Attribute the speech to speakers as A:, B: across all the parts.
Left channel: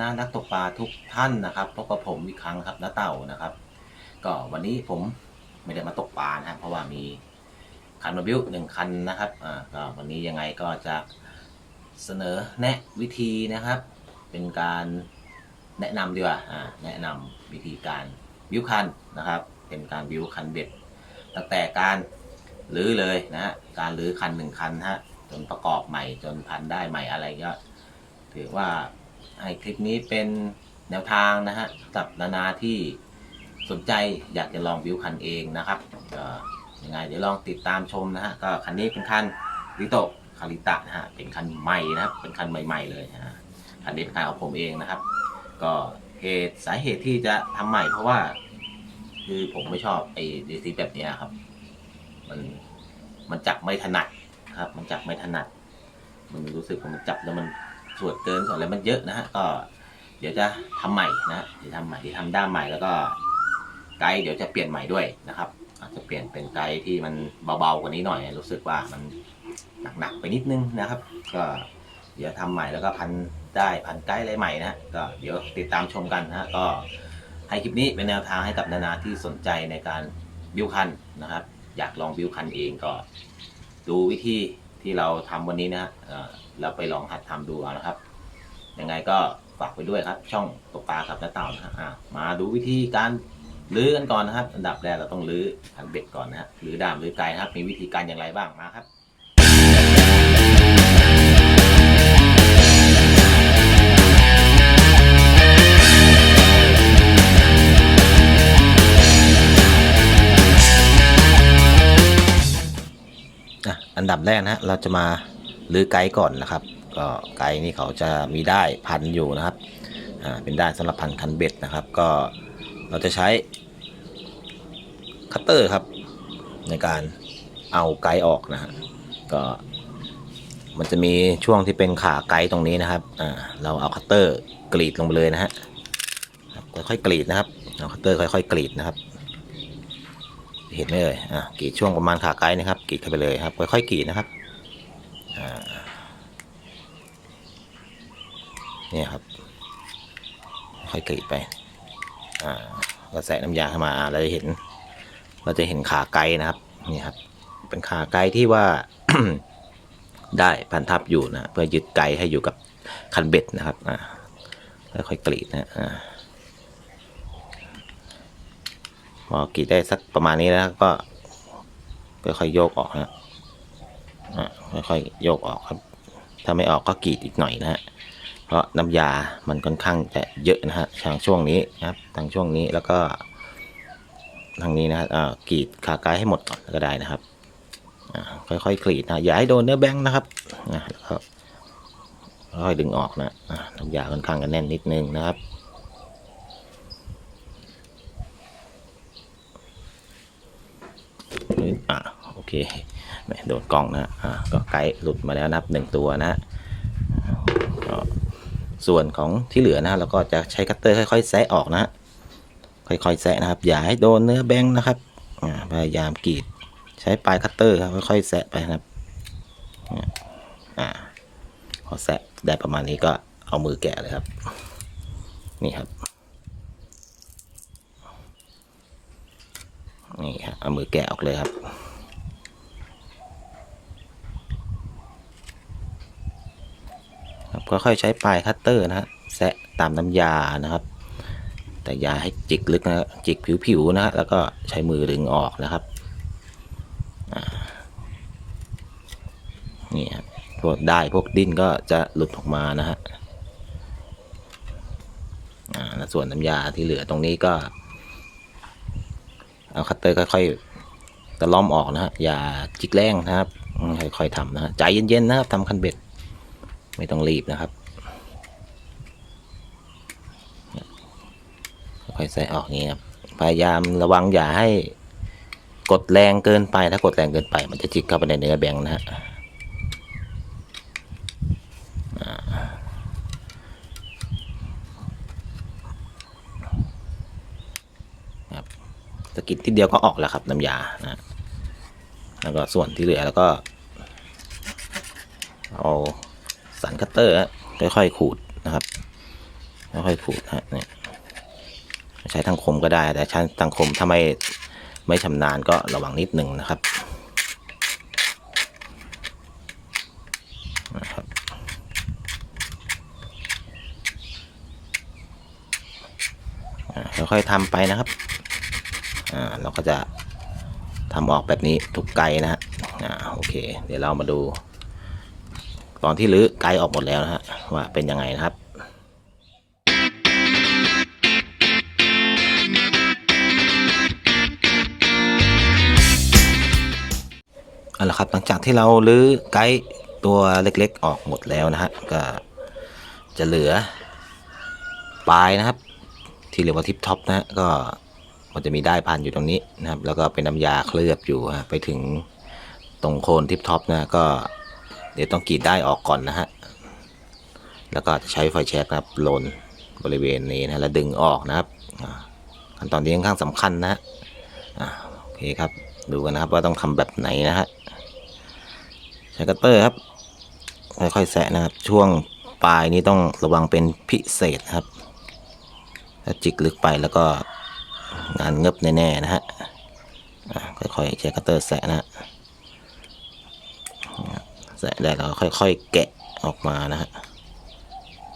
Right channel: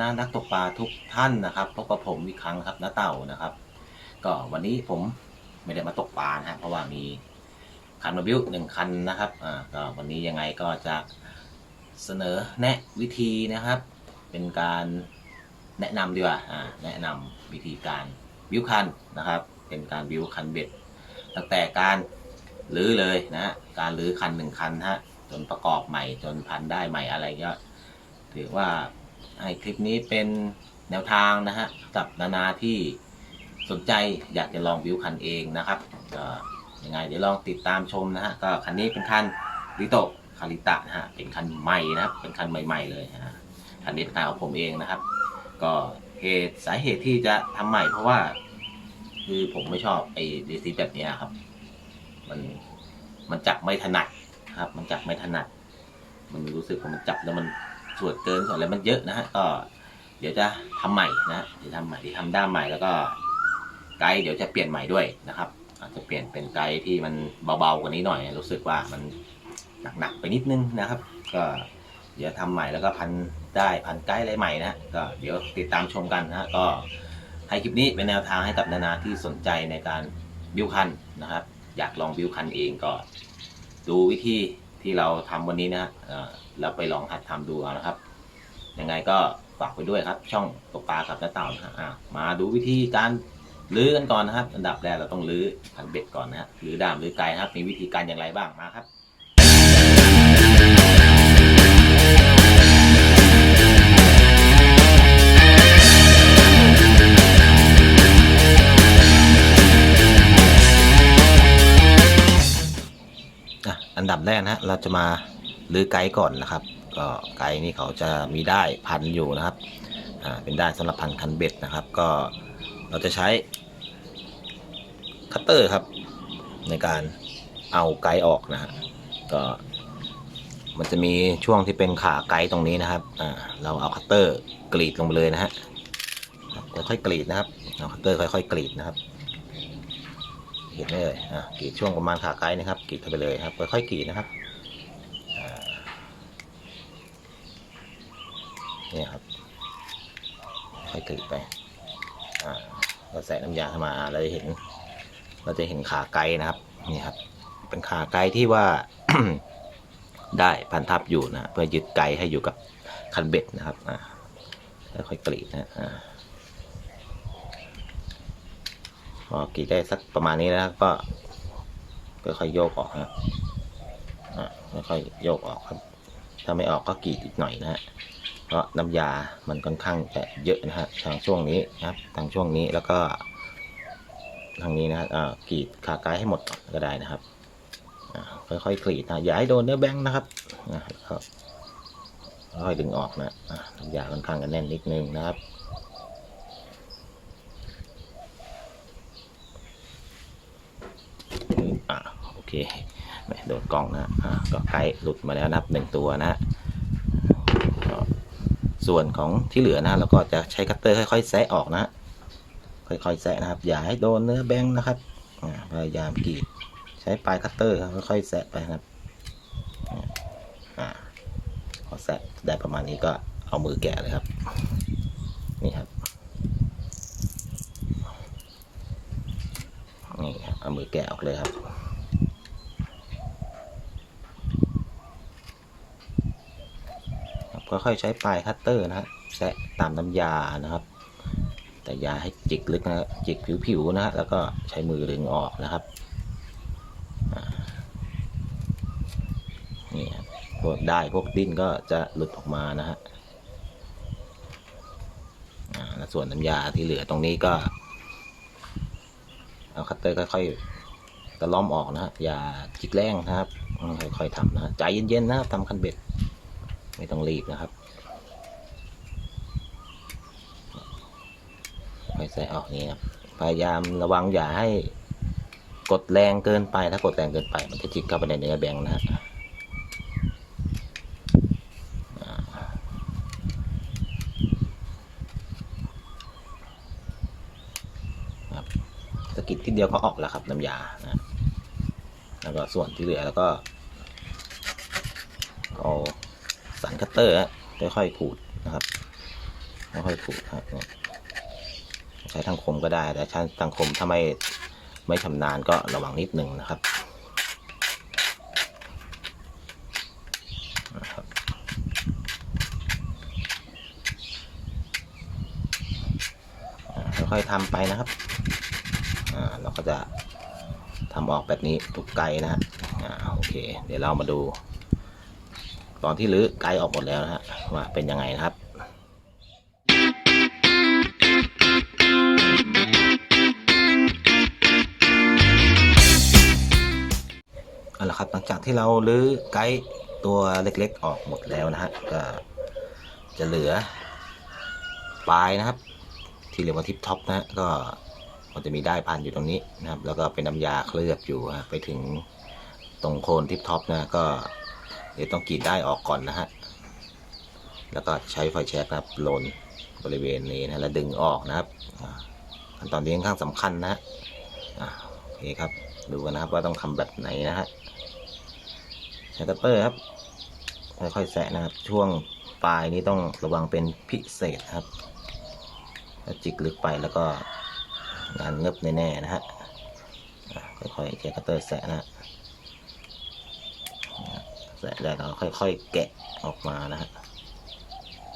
A: นะนักตกปลาทุกท่านนะครับพบกับผมอีกครั้งครับน้าเต่านะครับ ก็วันนี้ผมไม่ได้มาตกปลานะฮะเพราะว่ามีคันมาบิวหนึ่งคันนะครับอ่าก็วันนี้ยังไงก็จะเสนอแนะวิธีนะครับ เป็นการแนะนำดีกว่าอ่าแนะนำวิธีการบิวคันนะครับ เป็นการบิวคันเบ็ดตั้งแต่การรื้อเลยนะฮะการรื้อคันหนึ่งคันฮะจนประกอบใหม่จนพันได้ใหม่อะไรก็ถือว่า ให้คลิปนี้เป็นแนวทางนะฮะกับนานาที่สนใจอยากจะลองบิวคันเองนะครับก็ยังไงเดี๋ยวลองติดตามชมนะฮะก็คันนี้เป็นคันริโตคาริตะนะฮะเป็นคันใหม่นะครับเป็นคันใหม่ ๆ เลยฮะคันนี้เป็นคันของผมเองนะครับ ก็เหตุสาเหตุที่จะทำใหม่เพราะว่า คือผมไม่ชอบไอ้ดีซีแบบนี้ครับ มันมันจับไม่ถนัดครับ มันจับไม่ถนัด มันรู้สึกว่ามันจับแล้วมัน สวดเกินส่วนอะไรมันเยอะนะฮะก็เดี๋ยวจะทำใหม่นะเดี๋ยวทำใหม่ที่ทำด้ามใหม่แล้วก็ไกด์เดี๋ยวจะเปลี่ยนใหม่ด้วยนะครับ อาจจะเปลี่ยนเป็นไกด์ที่มันเบาๆกว่านี้หน่อย รู้สึกว่ามันหนักๆไปนิดนึงนะครับ ก็เดี๋ยวทำใหม่แล้วก็พันได้พันไกด์อะไรใหม่นะฮะก็เดี๋ยวติดตามชมกันนะฮะก็ให้คลิปนี้เป็นแนวทางให้กับนานาที่สนใจในการบิวคันนะครับ อยากลองบิวคันเองก็ดูวิธีที่เราทำวันนี้นะฮะ เราไปลองหัดทำดูเอานะครับ ยังไงก็ฝากไปด้วยครับ ช่องตกปลากับน้าเต่านะฮะมาดูวิธีการลื้อกันก่อนนะครับ อันดับแรกเราต้องลื้อคันเบ็ดก่อนนะฮะลื้อดามลื้อไกลนะครับ มีวิธีการอย่างไรบ้างมาครับอันดับแรกนะฮะเราจะมา ลื้อไกด์ก่อนนะครับ ก็ไกด์นี่เขาจะมีได้พันอยู่นะครับเป็นได้ายสำหรับพันคันเบ็ดนะครับ ก็เราจะใช้คัตเตอร์ครับ ในการเอาไกด์ออกนะฮะก็มันจะมีช่วงที่เป็นขาไกด์ตรงนี้นะครับอ่าเราเอาคัตเตอร์กรีดลงไปเลยนะฮะค่อยๆกรีดนะครับเอาคัตเตอร์ค่อยๆกรีดนะครับ เห็นไหมเลยอะกรีดช่วงประมาณขาไกด์นะครับกรีดเข้าไปเลยครับค่อยๆกรีดนะครับอ่า เนี่ยครับ ค่อยกรีดไป อ่าก็ใส่น้ำยาเข้ามาเราจะเห็น เราจะเห็นขาไกด์นะครับ นี่ครับ เป็นขาไกด์ที่ว่า ได้พันทับอยู่นะเพื่อยึดไกให้อยู่กับคันเบ็ดนะครับ อ่าค่อยๆกรีดนะอ่าพอกรีดได้สักประมาณนี้แล้วก็ค่อยๆโยกออกนะอะค่อยๆโยกออกครับ ถ้าไม่ออกก็กรีดอีกหน่อยนะฮะ เพราะน้ำยามันค่อนข้างจะเยอะนะฮะทางช่วงนี้นะครับทางช่วงนี้แล้วก็ ทางนี้นะฮะอ่ากรีดขากายให้หมดก่อนก็ได้นะครับค่อยๆกรีดนะอย่าให้โดนเนื้อแบงค์นะครับนะแล้วก็ค่อยดึงออกนะน้ำยาค่อนข้างจะแน่นนิดนึงนะครับอะโอเคโดดกล้องนะอะก็ไกด์หลุดมาแล้วนับหนึ่งตัวนะ ส่วนของที่เหลือนะเราก็จะใช้คัตเตอร์ค่อยๆแซะออกนะฮะค่อยๆแซะนะครับ อย่าให้โดนเนื้อแบงค์นะครับพยายามกรีด ใช้ปลายคัตเตอร์ครับค่อยๆแซะไปนะครับอ่าพอแซะได้ประมาณนี้ก็เอามือแกะเลยครับ นี่ครับนี่ครับเอามือแกะออกเลยครับ ครับค่อยๆใช้ปลายคัตเตอร์นะฮะแซะตามน้ำยานะครับ แต่ยาให้จิกลึกนะฮะจิกผิวๆนะฮะแล้วก็ใช้มือดึงออกนะครับนี่ครับพวกได้พวกดิ้นก็จะหลุดออกมานะฮะส่วนน้ำยาที่เหลือตรงนี้ก็ เอาคัตเตอร์ค่อยๆตะล่อมออกนะฮะอย่าจิกแรงนะครับค่อยๆทำนะฮะใจเย็นๆนะครับทำคันเบ็ด ไม่ต้องรีบนะครับค่อยใส่ออกนี้ครับ พยายามระวังอย่าให้กดแรงเกินไป ถ้ากดแรงเกินไป มันจะจิกเข้าไปในเนื้อแบงค์นะฮะสะกิดทีเดียวก็ออกแล้วครับน้ำยานะแล้วก็ส่วนที่เหลือแล้วก็เอา สันคัตเตอร์ฮะค่อยๆขูดนะครับค่อยๆขูดฮะเนี่ยใช้ทางคมก็ได้ แต่ใช้ทางคมถ้าไม่ไม่ชำนาญก็ระวังนิดหนึ่งนะครับนะครับอ่าค่อยๆทำไปนะครับอ่าเราก็จะทำออกแบบนี้ทุกไกลนะฮะอ่าโอเค เดี๋ยวเรามาดู ตอนที่รื้อไกลออกหมดแล้วนะฮะว่าเป็นยังไงนะครับเอาละครับหลังจากที่เราลื้อไกด์ตัวเล็กๆออกหมดแล้วนะฮะก็จะเหลือปลายนะครับ ที่เรียกว่าทิปท็อปนะฮะก็มันจะมีได้พันอยู่ตรงนี้นะครับ แล้วก็เป็นน้ำยาเคลือบอยู่ฮะไปถึงตรงโคนทิปท็อปนะก็ เดี๋ยวต้องกรีดได้ออกก่อนนะฮะ แล้วก็ใช้ไฟแช็กนะครับโลนบริเวณนี้นะแล้วดึงออกนะครับขั้นตอนนี้ค่อนข้างสำคัญนะฮะโอเคครับ ดูกันนะครับว่าต้องทำแบบไหนนะฮะใช้คัตเตอร์ครับ ค่อยๆแสะนะครับ ช่วงปลายนี้ต้องระวังเป็นพิเศษครับ ถ้าจิกลึกไปแล้วก็งานเงบแน่ๆนะฮะอะค่อยๆใช้คัตเตอร์แสะนะฮะ แสะได้แล้วค่อยๆแกะออกมานะฮะ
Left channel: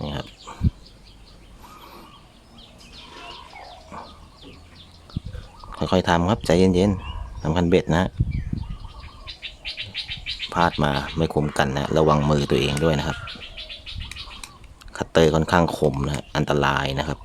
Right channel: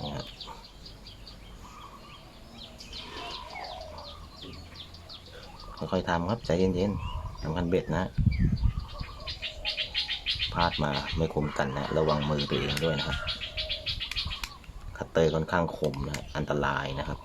A: นี่ครับค่อยๆทำครับใจเย็นๆทำคันเบ็ดนะฮะพลาดมาไม่คุมกันนะ ระวังมือตัวเองด้วยนะครับ คัตเตอร์ค่อนข้างคมนะอันตรายนะครับ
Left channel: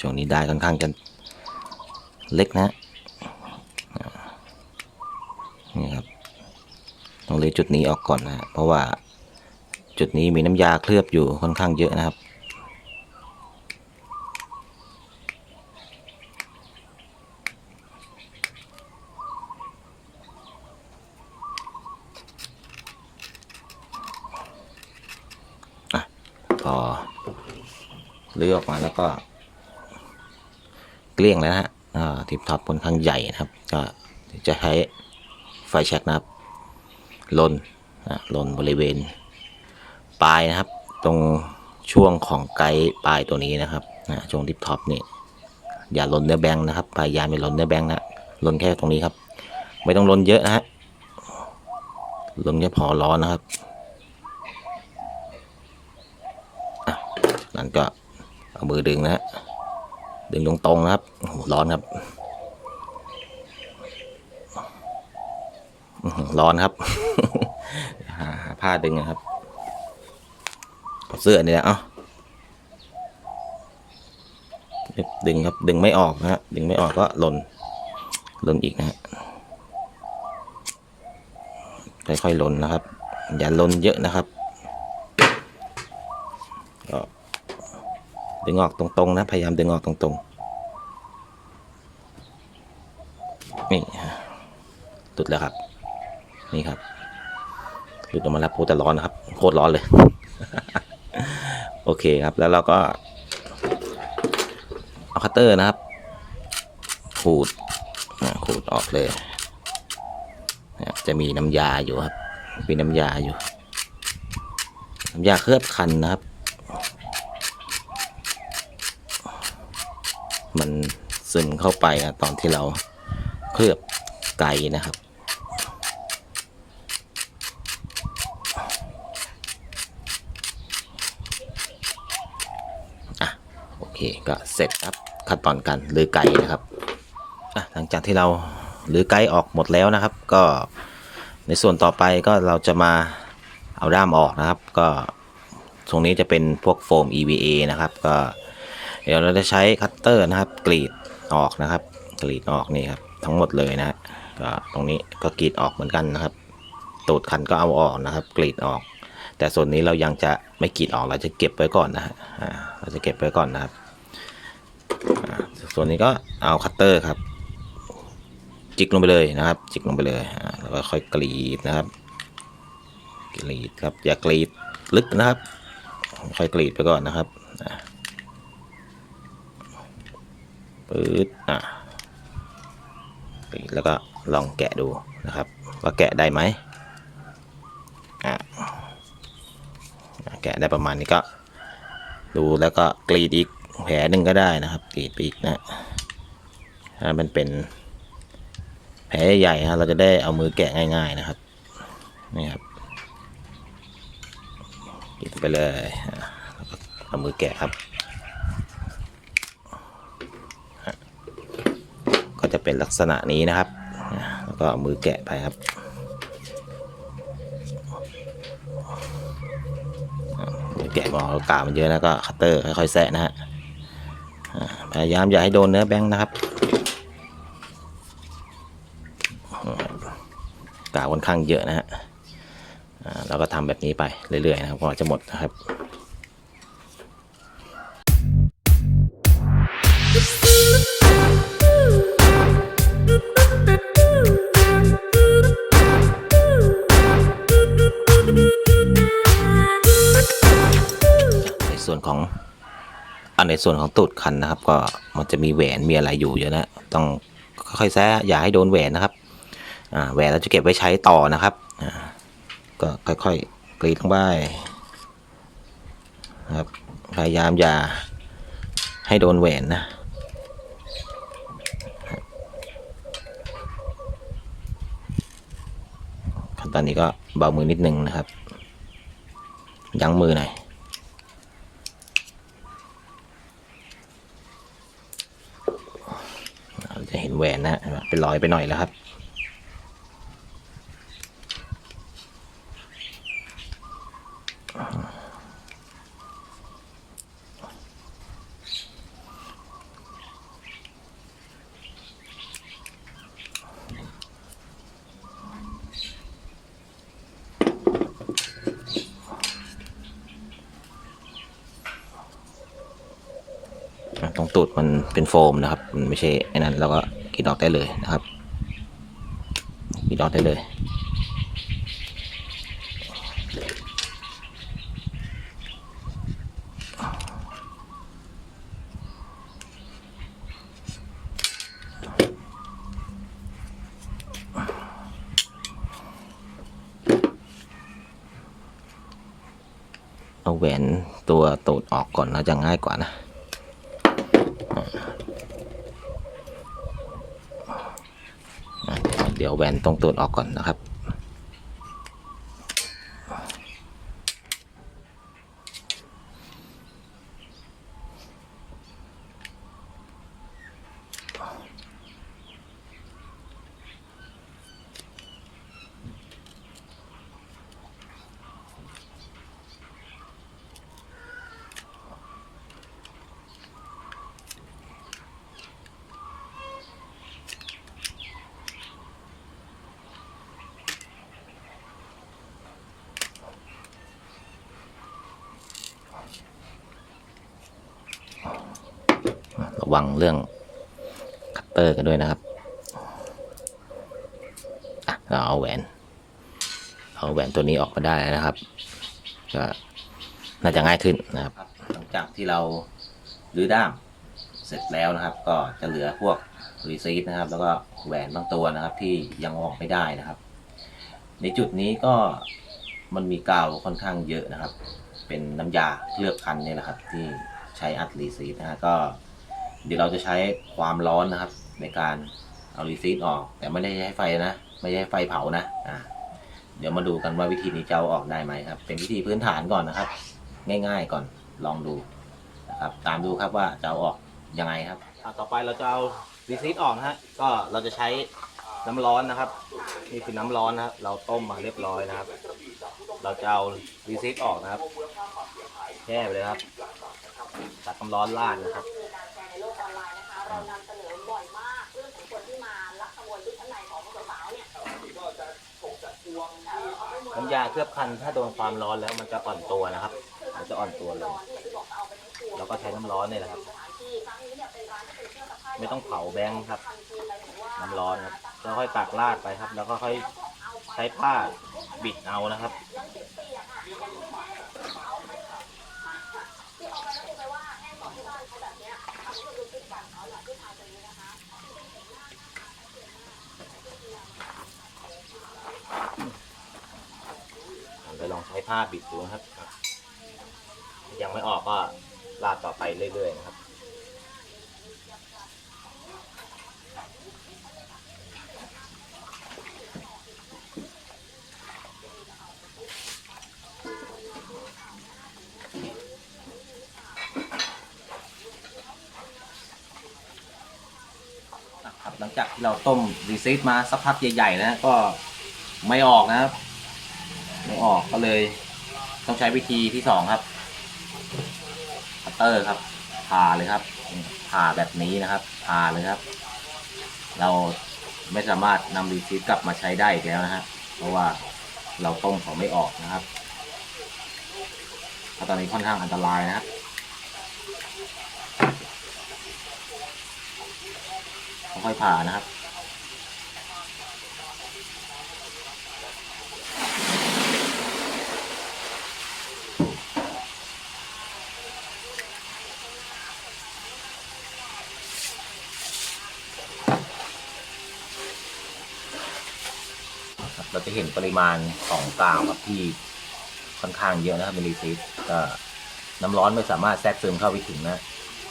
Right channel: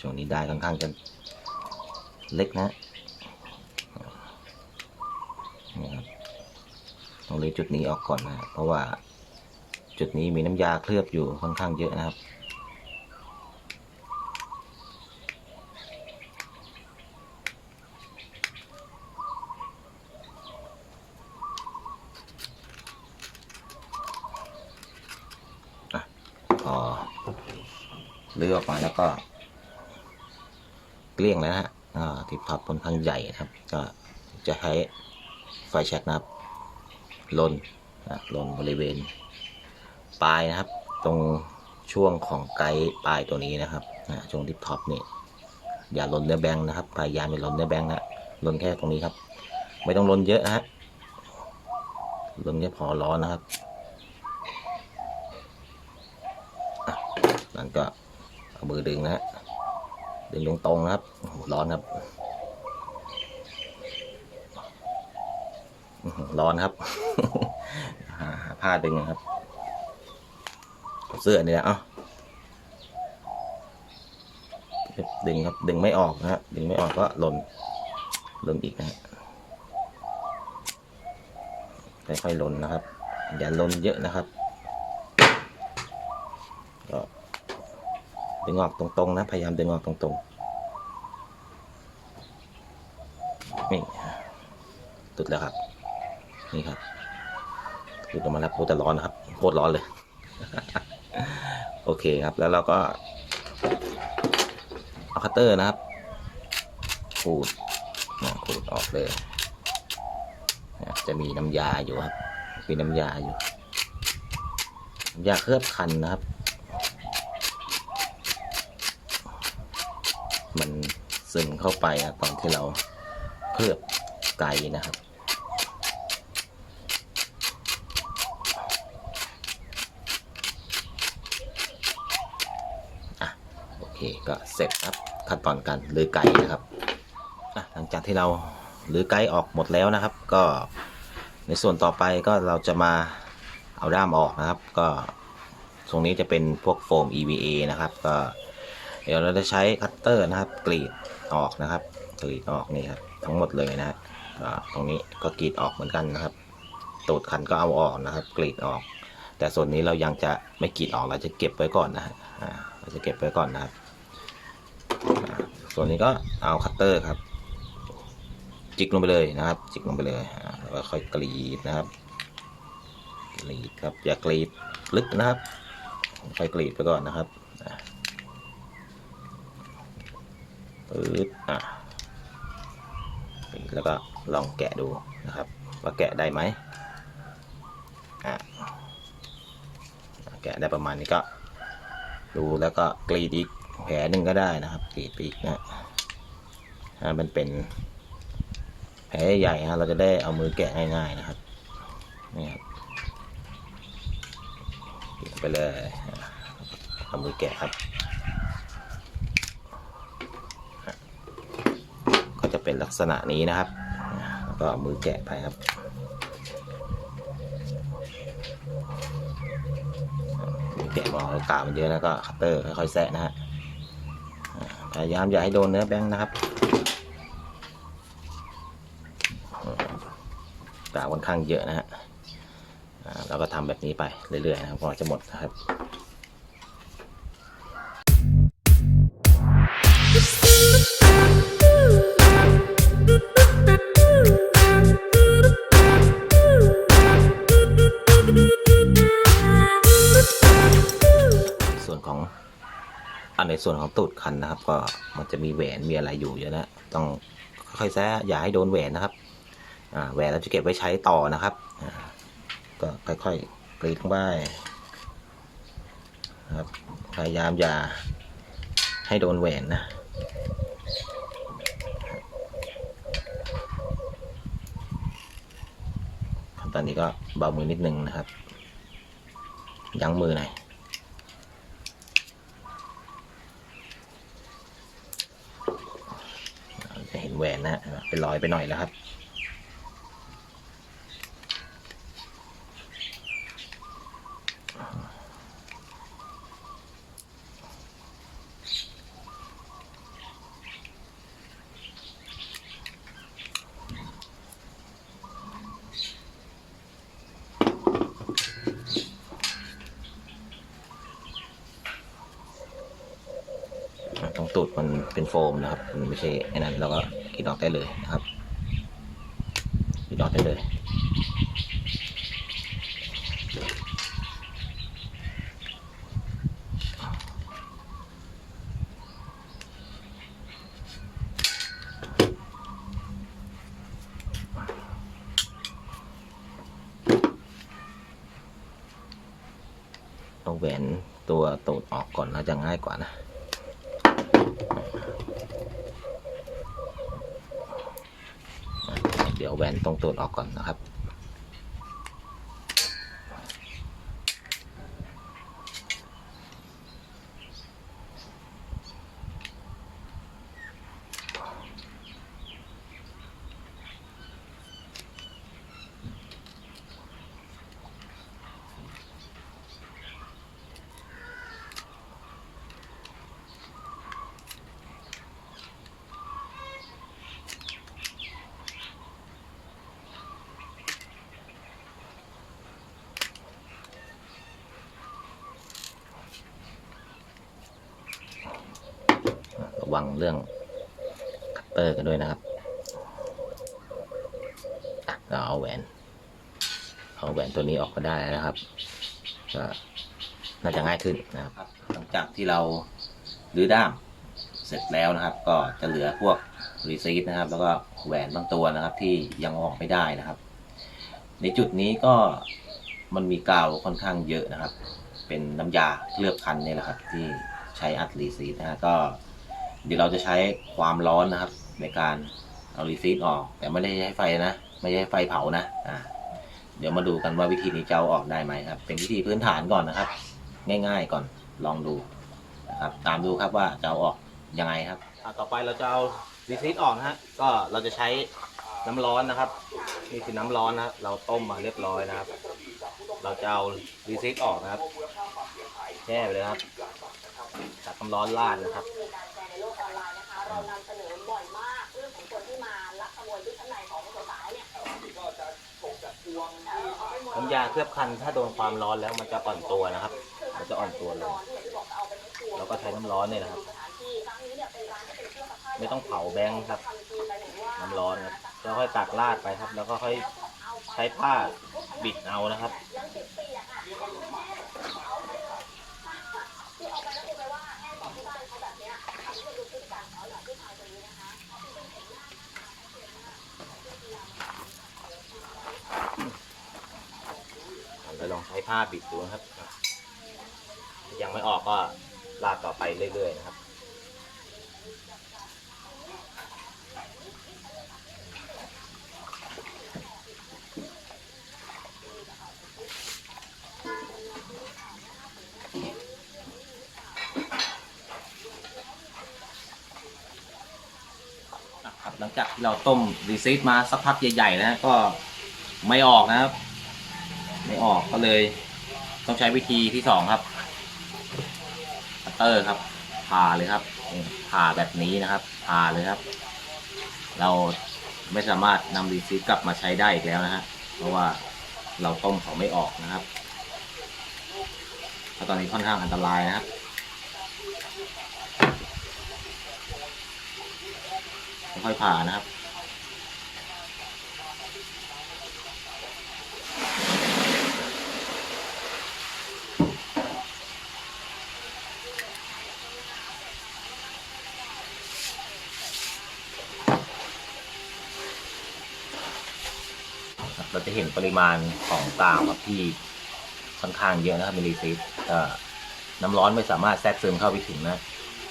A: ช่วงนี้ได้ค่อนข้างจะเล็กนะนี่ครับต้องเลยจุดนี้ออกก่อนนะเพราะว่าจุดนี้มีน้ำยาเคลือบอยู่ค่อนข้างเยอะนะครับ อะพอ เลือกออกมาแล้วก็ เลี้ยงแล้วนะฮะอ่าทิปท็อปค่อนข้างใหญ่นะครับ ก็จะใช้ไฟแช็กนะครับลนอะลนบริเวณปลายนะครับ ตรงช่วงของไกด์ปลายตัวนี้นะครับอะช่วงทิปท็อปนี่อย่าลนเนื้อแบงค์นะครับพยายามอย่าลนเนื้อแบงค์นะลนแค่ตรงนี้ครับ ไม่ต้องลนเยอะนะฮะลนแค่พอร้อนนะครับนั่นก็เอามือดึงนะฮะ ดึงตรงนะครับโอ้โหร้อนครับร้อนครับหาผ้าดึงนะครับเอาเสื้อเนี่ยเอ้าดึงครับดึงไม่ออกนะฮะดึงไม่ออกก็หล่นหล่นอีกนะฮะค่อยๆหล่นนะครับ อย่าหล่นเยอะนะครับ ดึงออกตรงๆนะ พยายามดึงออกตรงๆ นี่ตุดแล้วครับ นี่ครับหลุดออกมาแล้วโคตรร้อนนะครับ โคตรร้อนเลย โอเคครับ แล้วเราก็ เอาคัตเตอร์นะครับ ขูดขูดออกเลย จะมีน้ำยาอยู่ครับ มีน้ำยาอยู่ น้ำยาเคลือบคันนะครับ มัน ซึมเข้าไปอะตอนที่เราเคลือบไก่นะครับ อะ โอเคก็เสร็จครับขั้นตอนการลือไก่นะครับอะหลังจากที่เราลือไก่ออกหมดแล้วนะครับ ก็ในส่วนต่อไปก็เราจะมาเอาด้ามออกนะครับ ก็ตรงนี้จะเป็นพวกโฟม EVA นะครับ ก็เดี๋ยวเราจะใช้คัตเตอร์นะครับ กรีด ออกนะครับกรีดออกนี่ครับทั้งหมดเลยนะฮะตรงนี้ก็กรีดออกเหมือนกันนะครับตูดคันก็เอาออกนะครับ กรีดออก แต่ส่วนนี้เรายังจะไม่กรีดออกเราจะเก็บไว้ก่อนนะฮะเราจะเก็บไว้ก่อนนะครับ ส่วนนี้ก็เอาคัตเตอร์ครับ จิกลงไปเลยนะครับ จิกลงไปเลยแล้วก็ค่อยกรีดนะครับ กรีดครับอย่ากรีดลึกนะครับ ค่อยกรีดไปก่อนนะครับอะ ปื๊ดอะแล้วก็ลองแกะดูนะครับ ว่าแกะได้ไหมอะแกะได้ประมาณนี้ก็ ดูแล้วก็กรีดอีกแผลหนึ่งก็ได้นะครับกรีดไปอีกนะถ้ามันเป็นแผลใหญ่ฮะเราจะได้เอามือแกะง่าย ๆนะครับนี่ครับปิดไปเลยเอามือแกะครับอะก็จะ เป็นลักษณะนี้นะครับ แล้วก็เอามือแกะไปครับมือแกะมองเรากามันเยอะแล้วก็คัตเตอร์ค่อยๆแซะนะฮะพยายามอย่าให้โดนเนื้อแบงค์นะครับกาค่อนข้างเยอะนะฮะเราก็ทำแบบนี้ไปเรื่อยๆนะครับกว่าจะหมดนะครับ ในส่วนของตูดคันนะครับ ก็มันจะมีแหวนมีอะไรอยู่เยอะนะต้องค่อยๆแซะอย่าให้โดนแหวนนะครับแหวนเราจะเก็บไว้ใช้ต่อนะครับก็ค่อยๆกรีดลงไปนะครับพยายามอย่าให้โดนแหวนนะขั้นตอนนี้ก็เบามือนิดนึงนะครับ ยั้งมือหน่อย จะเห็นแหวนนะเป็นรอยไปหน่อยแล้วครับ อ ตูดมันเป็นโฟมนะครับ มันไม่ใช่ไอ้นั้นเราก็กรีดออกได้เลยนะครับกรีดออกได้เลยเอาแหวนตัวตูดออกก่อนแล้วจะง่ายกว่านะ เดี๋ยว แหวนตรงตูดออกก่อนนะครับ ระ วังเรื่องคัตเตอร์กันด้วยนะครับเราเอาแหวน เอาแหวนตัวนี้ออกมาได้นะครับ ก็น่าจะง่ายขึ้นนะครับ หลังจากที่เรารื้อด้ามเสร็จแล้วนะครับ ก็จะเหลือพวกรีซีฟนะครับ แล้วก็แหวนบางตัวนะครับ ที่ยังออกไม่ได้นะครับ ในจุดนี้ก็มันมีกาวค่อนข้างเยอะนะครับ เป็นน้ำยาเคลือบคันนี่แหละครับ ที่ใช้อัดรีซีฟนะฮะก็ เดี๋ยวเราจะใช้ความร้อนนะครับ ในการเอารีซีฟออก แต่ไม่ได้ใช้ไฟนะ ไม่ใช้ไฟเผานะอ่าเดี๋ยวมาดูกันว่าวิธีนี้จะเอาออกได้ไหมครับ เป็นวิธีพื้นฐานก่อนนะครับ ง่าย ๆก่อนลองดูนะครับ ตามดูครับว่าจะเอาออกยังไงครับต่อไปเราจะเอารีซีฟออกนะฮะก็เราจะใช้น้ำร้อนนะครับนี่คือน้ำร้อนนะครับเราต้มมาเรียบร้อยนะครับ เราจะเอารีซีฟออกนะครับแช่ไปเลยครับตักน้ำร้อนราดนะครับ
B: เรานำเสนอบ่อยมากเรื่องของคนที่มาลักขโมยชุดชั้นในของสาวเนี่ย
A: น้ำยาเคลือบคันถ้าโดนความร้อนแล้วมันจะอ่อนตัวนะครับ มันจะอ่อนตัวลง แล้วก็ใช้น้ำร้อนเนี่ยนะครับ ไม่ต้องเผาแบงค์ครับ น้ำร้อนครับแล้วค่อยตักราดไปครับ แล้วก็ค่อยใช้ผ้าบิดเอานะครับ เราลองใช้ ผ้าบิดดูนะครับยังไม่ออกก็ลาดต่อไปเรื่อยๆนะครับครับหลังจากที่เราต้มรีซีทมาสักพักใหญ่ๆนะก็ไม่ออกนะครับ ออกก็เลย ต้องใช้วิธีที่สองครับคัตเตอร์ครับผ่าเลยครับผ่าแบบนี้นะครับผ่าเลยครับ เราไม่สามารถนำรีซีทกลับมาใช้ได้อีกแล้วนะฮะเพราะว่าเราต้มเขาไม่ออกนะครับตอนนี้ค่อนข้างอันตรายนะครับค่อยผ่านะครับ เราจะเห็นปริมาณของกาวครับที่ค่อนข้างเยอะนะครับมิลลิซิตก็น้ำร้อนไม่สามารถแทรกซึมเข้าไปถึงนะ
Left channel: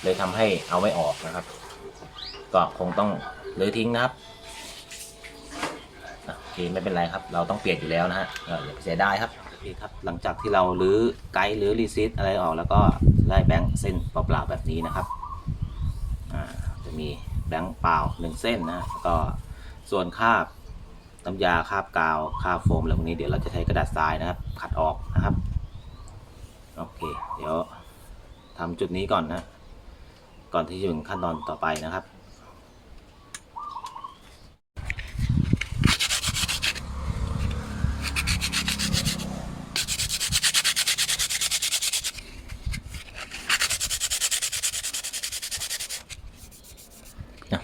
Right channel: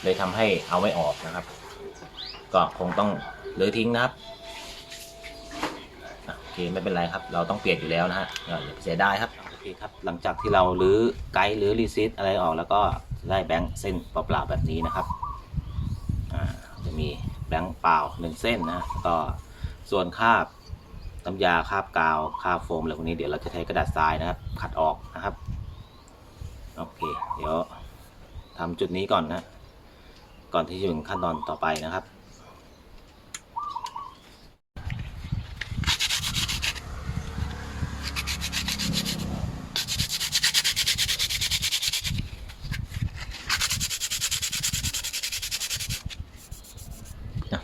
A: เลยทำให้เอาไม่ออกนะครับ ก็คงต้องเลยทิ้งนะครับโอเคไม่เป็นไรครับ เราต้องเปลี่ยนอยู่แล้วนะฮะอย่าไปเสียดายครับโอเคครับ หลังจากที่เราลื้อไกด์หรือรีซิตอะไรออกแล้วก็ได้แบงค์เส้นเปล่าๆแบบนี้นะครับจะมีแบงค์เปล่าหนึ่งเส้นนะฮะแล้วก็ส่วนคาบ น้ำยาคาบกาวคาบโฟมอะไรพวกนี้เดี๋ยวเราจะใช้กระดาษทรายนะครับ ขัดออกนะครับ โอเค เดี๋ยวทำจุดนี้ก่อนนะ ก่อนที่จะถึงขั้นตอนต่อไปนะครับ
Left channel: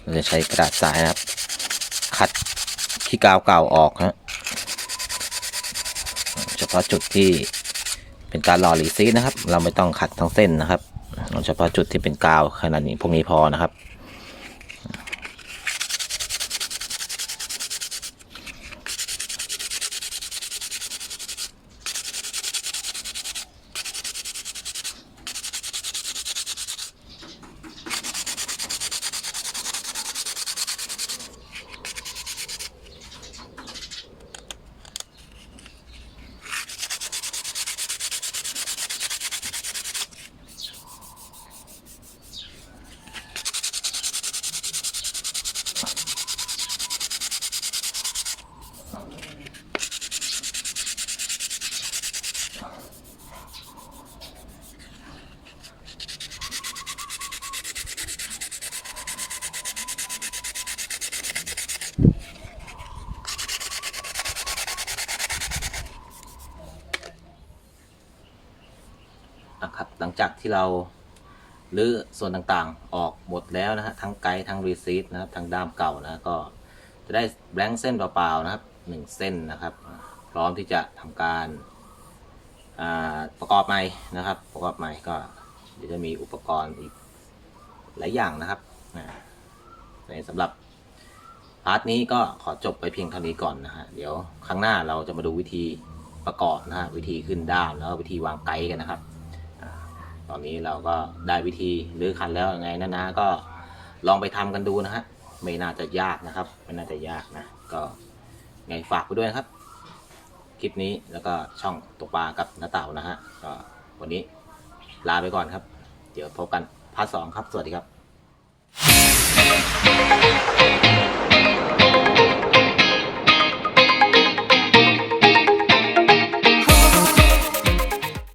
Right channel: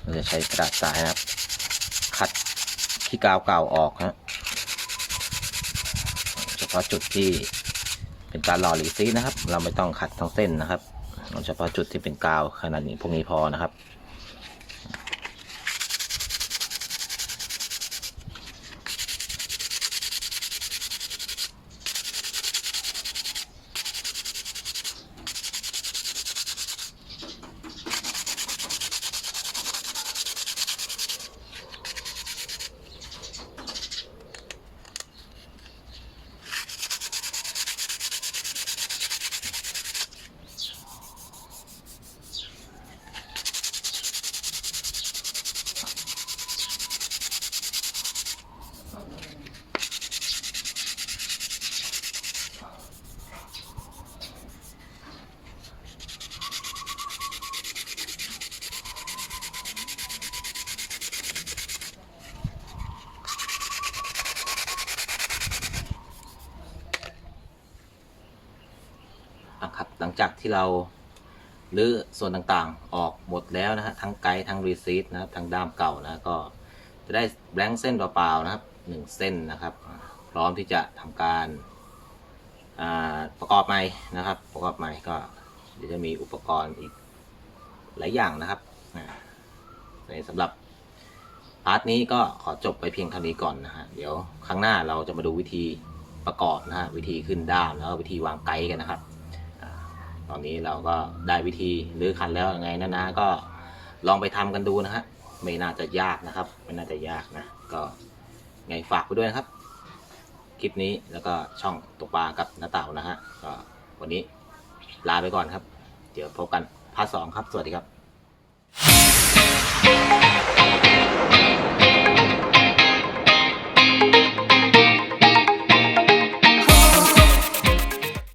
A: เราจะใช้กระดาษทรายนะครับคัด ขี้กาวเก่าออกนะเฉพาะจุดที่เป็นการหล่อหลีซีนะครับ เราไม่ต้องขัดทั้งเส้นนะครับเฉพาะจุดที่เป็นกาวขนาดนี้พวกนี้พอนะครับ ที่เราลื้อส่วนต่างๆออกหมดแล้วนะฮะทั้งไกด์ทั้งรีซีทนะครับทั้งด้ามเก่านะก็จะได้แบงค์เส้นเปล่าๆนะครับหนึ่งเส้นนะครับ พร้อมที่จะทำการประกอบใหม่นะครับ ประกอบใหม่ก็เดี๋ยวจะมีอุปกรณ์อีกหลายอย่างนะครับในสำหรับพาร์ทนี้ก็ขอจบไปเพียงเท่านี้ก่อนนะฮะเดี๋ยวครั้งหน้าเราจะมาดูวิธีประกอบนะฮะวิธีขึ้นด้ามแล้ววิธีวางไกด์กันนะครับ ตอนนี้เราก็ได้วิธีหรือคันแล้วยังไงนะนะก็ลองไปทำกันดูนะฮะไม่น่าจะยากนะครับ ไม่น่าจะยากนะ ก็ไงฝากไปด้วยนะครับ คลิปนี้แล้วก็ช่องตกปลากับน้าเต่านะฮะก็วันนี้ลาไปก่อนครับ เดี๋ยวพบกันพาร์ทสองครับ สวัสดีครับ